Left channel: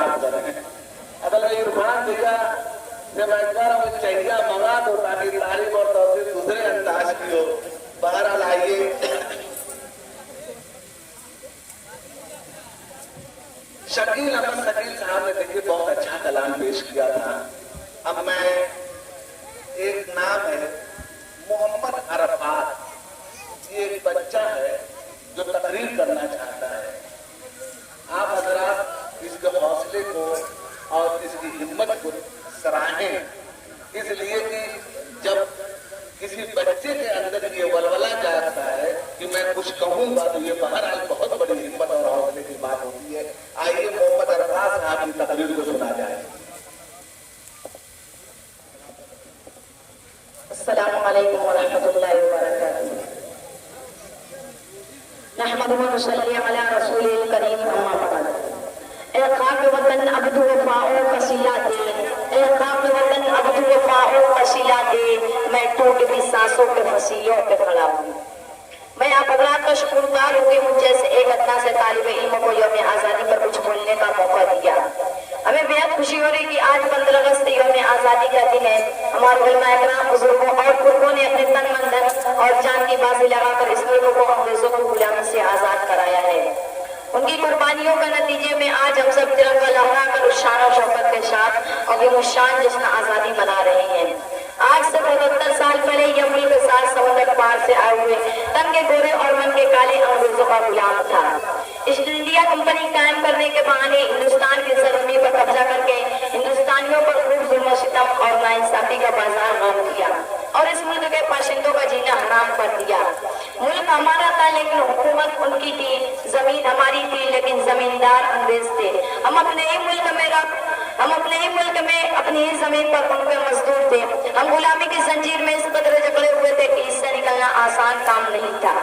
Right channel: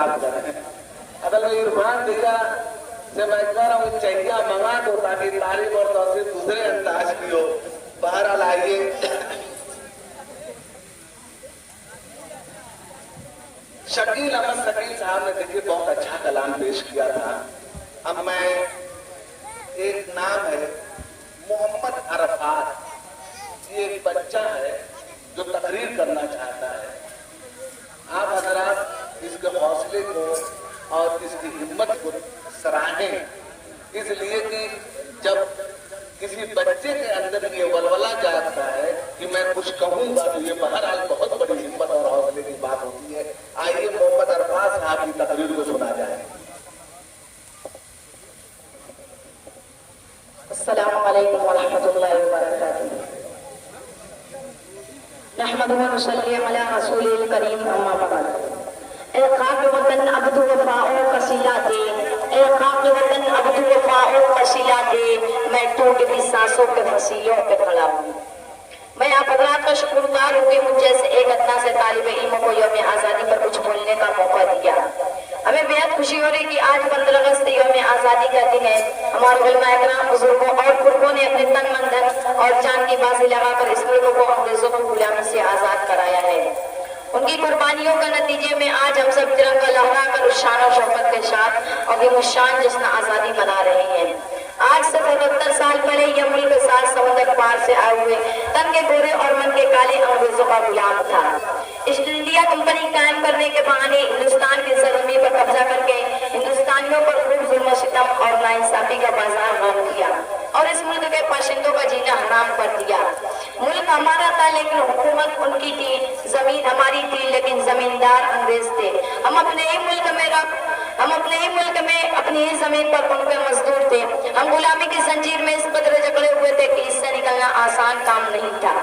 काम करें। असल में इरफान भैया से मैं कह रहा हूँ चाहिए मंगा दो ताकि तारीफ और तौसीफ दूसरे अंदाज की हो। बहरहाल आइए, शकील अहमद शकील साहब ने देखिए बहुत अच्छा कलाम पेश किया था। अब मैं एक नाम है मोहम्मद अरफात, ये एक बच्चा है जो तकरीर करना चाहता है। आप हजरात इसके हौसले को और इसकी हिम्मत को सराहें, इसलिए कि जब किसी बच्चे के अंदर ये वलवला जाता है कि मैं कुछ कहूंगा तो ये बहरहाल बहुत बड़ी हिम्मत और हौसले की बात होती है। आइए मोहम्मद अरफात साहब की तकरीर को सुना जाए। अस्सलामु अलैकुम व रहमतुल्लाहि व बरकातुहू। नहमदुहु व नसल्ली अला रसूलिल करीम, अम्मा बाद। ए खाक वतन अब्दु वफाओ कसीला दे, ए खाक वतन अब्दु वफाओ कसीला दे, मैं टूटती सांसों के वसीलों पे खड़ा हूँ। मैं आप हजरात का शुक्रगुजार हूँ कि मुझ जैसे एक अदना से तालिब इल्म को यौम आज़ादी पर कुछ बोलने का मौका दिया। हमें बेहद खुशी हो रही कि आज 15 अगस्त यौम आज़ादी का दिन है। हमारे उलमा इकराम, बुजुर्गों और बुजुर्गों ने अपने तन मन धन और जान की बाजी लगाकर इस मुल्क को अंग्रेजों की गुलामी से आजाद कराया है। उनकी कुर्बानियों के नतीजे में आज हम सब तिरंगा लहराकर शान और शौकत के साथ और ये मुशान जश्न आजादी मना रहे हैं। आज से 77 साल पहले ये मुल्क सात समुद्र पार से आए हुए तन के गोरे और मन के काले अंग्रेजों का गुलाम था। ईस्ट इंडिया कंपनी कायम करने के बहाने हिंदुस्तान की सरजमीन पर कब्जा करके हिंदुस्तानियों पर खूब जुल्म सितम और नाइंसाफी का बाजार बांध दिया और इस मुल्क के बाशिंदों का जीना हराम कर दिया। मुल्क हमारा था लेकिन हुकूमत उनकी थी, जमीन हमारी थी लेकिन जमींदार अंग्रेज थे। हम अपने ही मुल्क में अपनी ही जमीन पर उनके मजदूर थे। हम गुलामी की जंजीर में इस कदर जकड़े हुए थे कि इससे निकलना आसान काम नहीं था।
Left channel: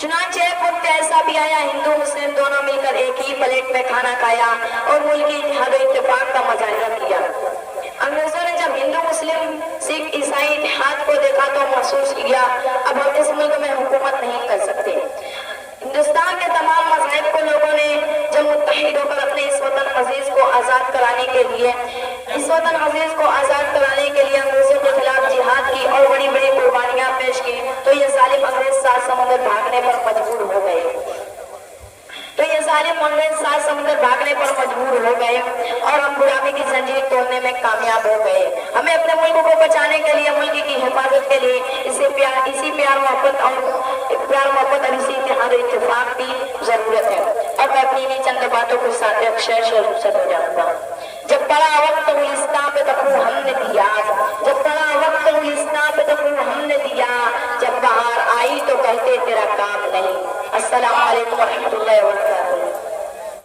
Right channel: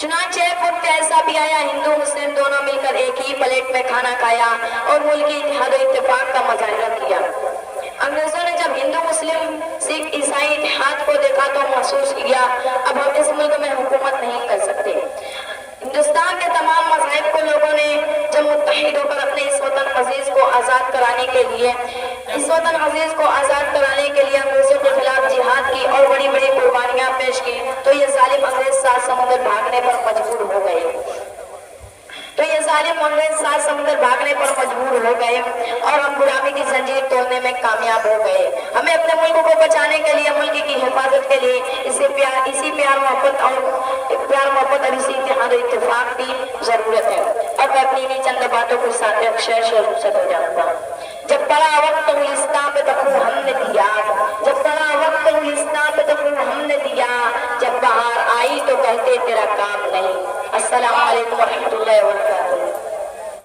चुनांचे वक्त ऐसा भी आया, हिंदू मुस्लिम दोनों मिलकर एक ही प्लेट में खाना खाया और मुल्क की इत्तेहाद और इत्तेफाक का मुजाहिरा किया। अंग्रेजों ने जब हिंदू मुस्लिम सिख ईसाई इत्तेहाद को देखा तो महसूस किया अब हम इस मुल्क में हुकूमत नहीं कर सकते। हिंदुस्तान के तमाम मज़हब को लोगों ने जब मुत्तहिद होकर अपने इस वतन अजीज को आज़ाद कराने के लिए अंग्रेजों के खिलाफ जिहाद की और बड़ी बड़ी कुर्बानियां पेश की तो ये जालिम अंग्रेज सात समुद्र भागने पर मजबूर हो गए और हम गुलामी की जंजीर तोड़ने में कामयाब हो गए। हमें अपने मुल्क को बचाने के लिए, मुल्क की हिफाजत के लिए इसी प्यार मोहब्बत और इसी इत्तेहाद इत्तेफाक की जरूरत है। अब मैं अपनी इन्हीं चंद बातों के साथ अक्षर से हो जाऊंगा। जब बड़ा वक्त गुलिस्तान पे तक हमने दिया, जब बड़ा वक्त गुलिस्तान पे तक हमने दिया, जब बाहर आई तो कहते तेरा काम नहीं। अस्सलाम वालेकुम।